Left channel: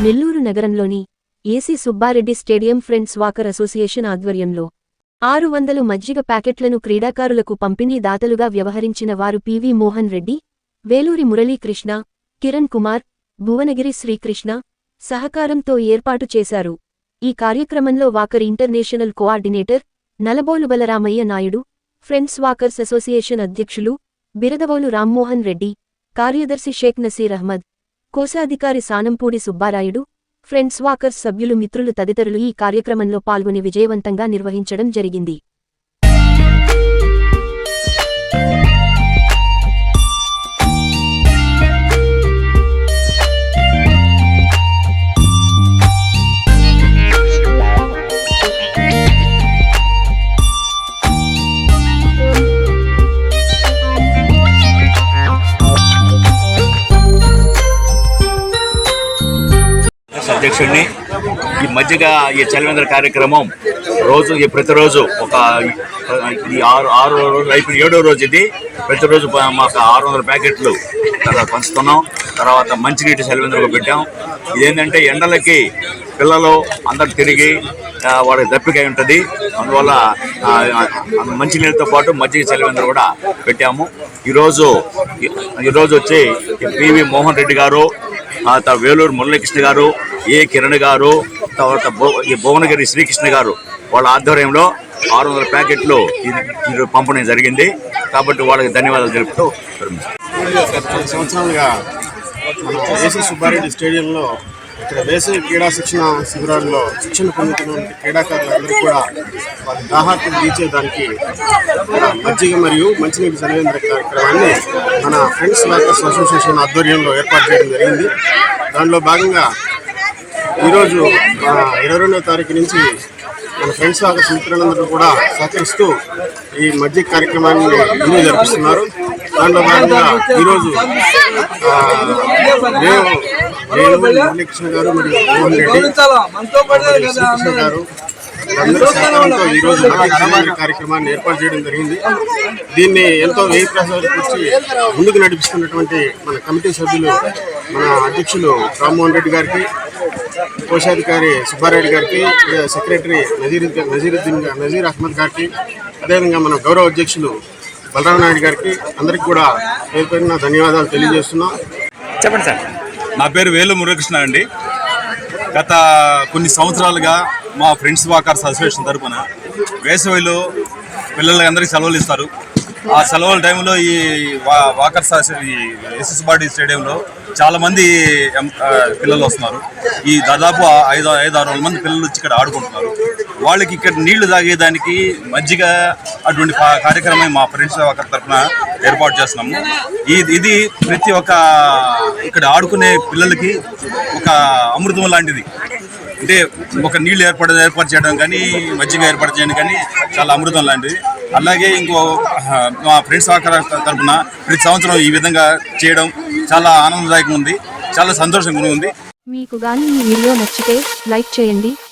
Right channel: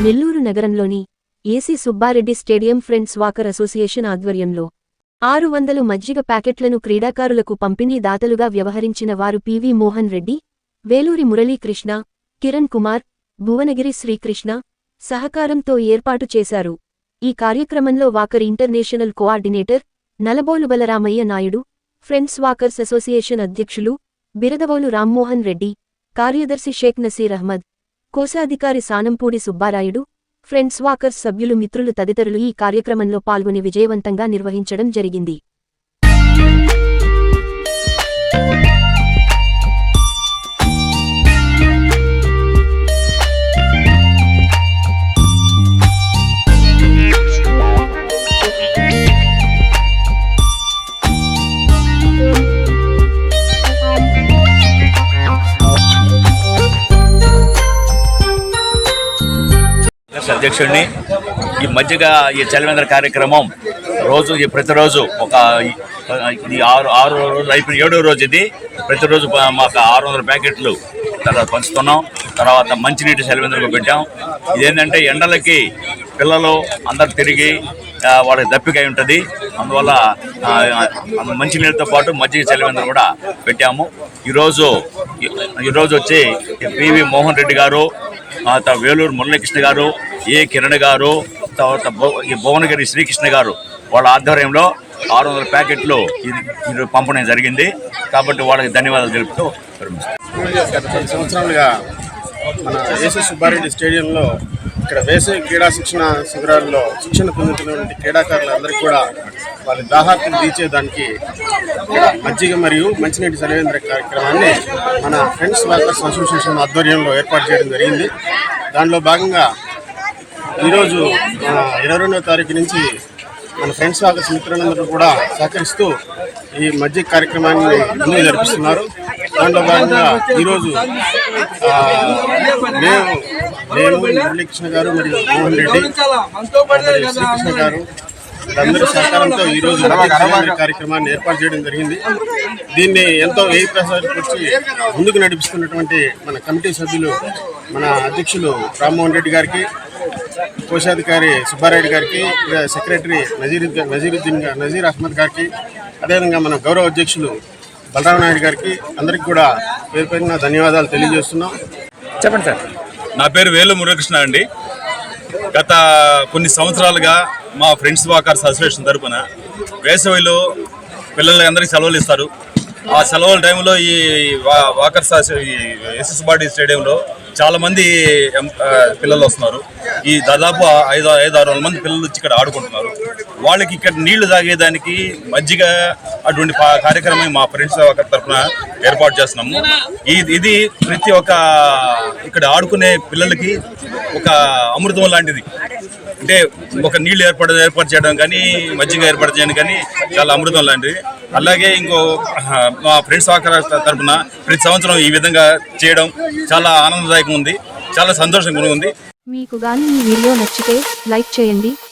నగరంలోని AC Subbareddy stadium friends walker association ఆధ్వర్యంలో ఆరు వందలు మజ్జిగ ప్యాకెట్లను క్రీడాకారులకు పంపిణీ దాతలుగా వ్యవహరించిన వారు పివి మోహన్ రెడ్డి వేలూరి మురళీకృష్ణ కిరణ్ కుమార్ భువనగిరి శ్రీకృష్ణ సహకారంతో ఏర్పాటు చేశారు. ఈ కార్యక్రమంలో walker international coordinator Nalabolu Balaramaiah Naidu friends walkers association అధ్యక్షులు బిరదవోలు రామ్మోహన్ రెడ్డి కార్యదర్శి షేక్ నసీర్ అహ్మద్ కోశాధికారి సానంపూడి సుబ్బారాయుడు ఫ్రెండ్స్ వాకర్స్ సభ్యులు మిత్రులు తదితరులు ఈ కార్యక్రమంలో పాల్గొని విజయవంతంగా నిర్వహించడం జరిగింది. కాంగ్రెస్ అధ్యక్షుడిని ఈ మధ్యగా ఈ చలివేంద్ర కార్యక్రమం రోజు ఈ ప్రతిరోజు ఒక ఈ ఆరు ఆరు రోజులు అయిపోయిన ఏడో రోజు ఇది. ప్రతిరోజు మాకు ఆరు వందల ప్యాకెట్లు తర్వాత పంచుతున్నాం తర్వాత మంచినీటి చలివేంద్రకు పెట్టాం. ఇదేంటంటే ఎండలకి పిల్లలు అందరు తిరిగి వాళ్ళకి దప్పికై ఉంటుంది. అందువల్ల మంచినీళ్ళతో పాటు మజ్జిగ చలివేంద్ర కూడా పెట్టాము. ఈరోజు ఈ- ఈరోజు వచ్చి పివి మోహన్ రెడ్డి గారు ఆ తర్వాత వేలూరు మురళీకృష్ణ గారు ఏ కిరణ్ గారు తర్వాత భువనగిరి శ్రీకృష్ణ గారు వాళ్ళ ఆధ్వర్యంలో ఆరు వందల ప్యాకెట్లు ఇది పంపడం జరిగింది. కాబట్టి వాళ్ళకి ధన్యవాదాలు తెలుపుతూ సంవత్సరాలుగా మన ఏసీ సుబ్బారెడ్డి స్టేడియంలో ఇక్కడ వేసవి క్రీడా శిక్షణ శిబిరాల్లో శిక్షణ పొందుతున్నటువంటి క్రీడాకారులందరికీ కూడా వారి దాహాకులు తీర్చేదానికి మజ్జిగ మరియు మంచినీటి సలవేంద్ర కార్యక్రమాన్ని మన ఫ్రెండ్స్ వర్కర్స్ అసోసియేషన్ ఆధ్వర్యంలో ఏర్పాటు చేయడం జరిగింది. దానిలో భాగంగా ఈరోజు ఇరవై రెండవ తారీఖు నుంచి మన ఫ్రెండ్స్ వర్కర్స్ మిత్రులందరూ కూడా సహకరిస్తూ ఈ మధ్య కార్యక్రమాన్ని ముందుకు జరిపిస్తున్నారు దాంట్లో భాగంగా ఈరోజు మేము మురళీకృష్ణ గారు మరియు మోహన్ రెడ్డి గారు అందరి సహకారంతో ఈరోజు కార్యక్రమాన్ని ఏర్పాటు చేయడం జరిగింది. దీన్ని ఎంతో వ్యయ ప్రసారించి ముందుకు నడిపిస్తున్నటువంటి మన కమిటీ సభ్యులు మన అధ్యక్షులు రామ్మోహన్ రెడ్డి గారికి కోశాధికారి సుబ్బారెడ్డి గారికి సెక్రటరీ నజీర్ నజీరుద్దీన్ గా- నజీర్ అహ్మద్ గారికి అదేవిధంగా మన గౌరవ అధ్యక్షులు బలరామ నాయుడు గారికి అందరికీ కూడా పేరు పేరున ధన్యవాదాలు తెలియజేస్తున్నాం. నా పేరు వేలు మురకృష్ణ అండి. గత కొన్ని సంవత్సరాలుగా మా ఫ్రెండ్స్ వాకర్స్ అసోసియేషన్ తరఫున వేసవిలో పిల్లలందరికీ సెలవులు ఇస్తారు. ఆ సెలవుల టైంలో ఈ వా- వాకర్స్ ఎస్ఎస్ బాడీ స్టేడియంలో చాలామంది ఎం- పిల్లలు వస్తున్నారు. ఈ దాదాపు ఐదు ఐదు ఆరు వందల మంది పిల్లలు వచ్చి ఇక్కడ ఆడుకుంటున్నారు. వాళ్ళకి ఇక్కడ నీళ్ళు తాగేదానికి మజ్జిగ అటువంటి కార్యక్రమం మా ఫ్రెండ్స్ ఒక తరఫున ఏర్పాటు చేస్తున్నాము. ఇది ప్రతి ఒక్క ఇక్కడ ఆడుకునే పిల్లలకి ఒక అమృతం లాంటిది. అంటే ఒక నీళ్ళు ఏర్పాటు ఏర్పాటు చేయడం కానీ మజ్జిగ ఏర్పాటు చేయడం కానీ చాలా అమృతం లాంటిది. అలాగే ఇంకో మా ఫ్రెండ్స్ వాకర్ తరఫున ప్రతి సంవత్సరం ఈ విధంగా చేయడం చాలా ఆనందదాయకంగా ఉంది. చాలా సంతోషంగా ఉంది. మీకు గాని ఈ వీడియో నచ్చితే లైక్ చేయండి.